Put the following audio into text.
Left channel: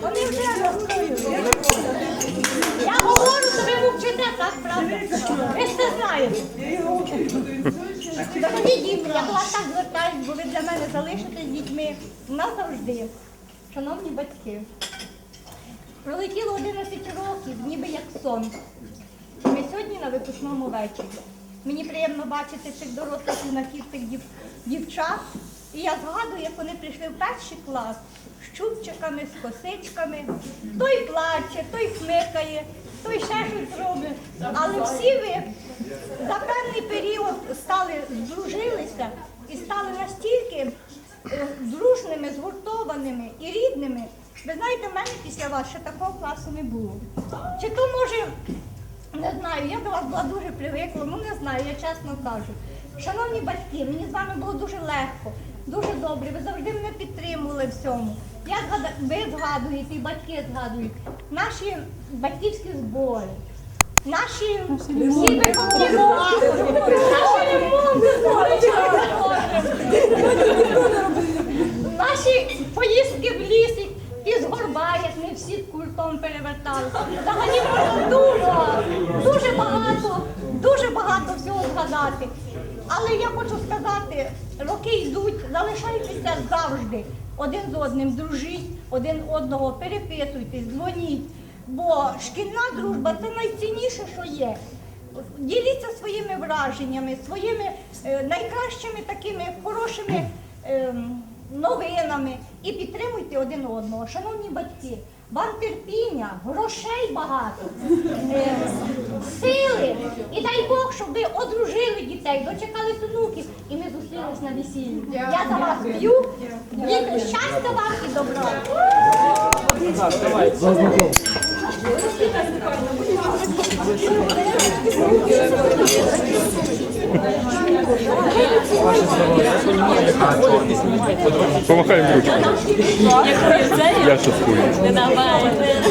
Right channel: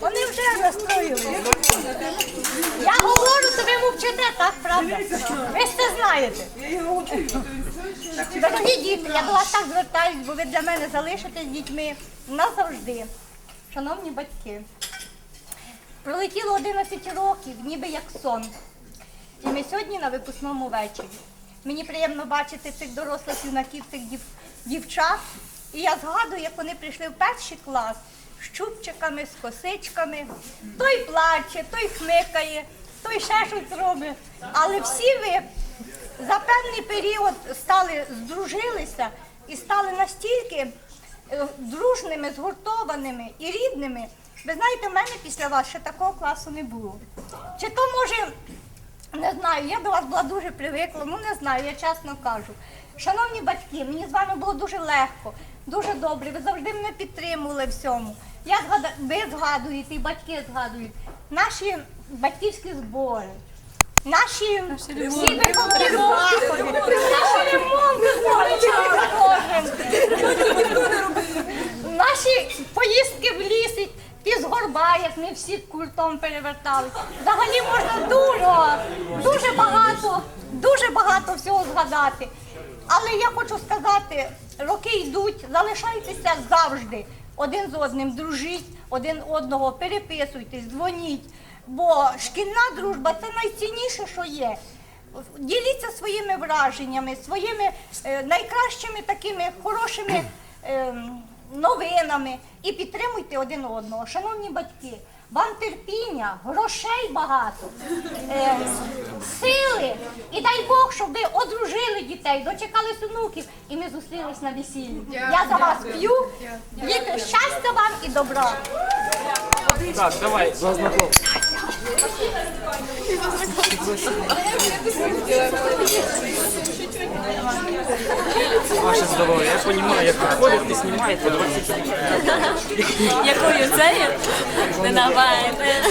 Вони вже настроїли. Я говорю, то ви мовчите, так, правда? Ви ж це знаєте. Дорогі діти, я до вас так звертаюсь, бо ви для мене залишитесь дітьми назавжди. Шановні батьки, пролетіло 11 років, ніби як сон. І ми сьогодні на випускному вечорі. Мені приємно бачити цих дорослих юнаків, цих дів, дівчат. І я згадую, як вони прийшли в перший клас з чубчиками, з косичками. Той плаче, той хмикає, той ще щось робить. Але всі ви за певний період стали, здружилися і стали настільки е, дружними, згуртованими і рідними. Ви знаєте, в мене після вас ще такого класу не було. Чи то може не знаю, я до вас була дуже привикла, ну не знаю, я чесно кажу. Шановні батьки, мені з вами було дуже легко, дуже добре. Ви завжди мене підтримували всьому. Я згадаю, ви згадуєте, і батьки згадують наші батьківські збори. Наші всі виховні заходи, наші ремонти Наші поїздки в лісі, ті з горба, як ми всі культом перевертали. Взагалі можна дуже, дуже багато, дуже багато всього згадати. Але я хочу сказати, роки залишайтеся завжди один з одним, дружіть, один одного, переписуйтесь, дзвоніть. Бо шкільна дружба це найцінніше, що є. Діліться своїми враженнями, своїми е, найкращими такими хорошими ем, новинами і підтримуйте один одного. Шановні батьки, вам терпіння, грошей багато, е, сили. І дай Бог, щоб ви одружили дітей, дочекались онуків, і ми зустрілись на весіллі. Я за вас п'ю, діти, щастя вам і добра. Я понимаю, як виходить і знімаєте. Помахаємо Я Якою це Я шуткую. не давайте.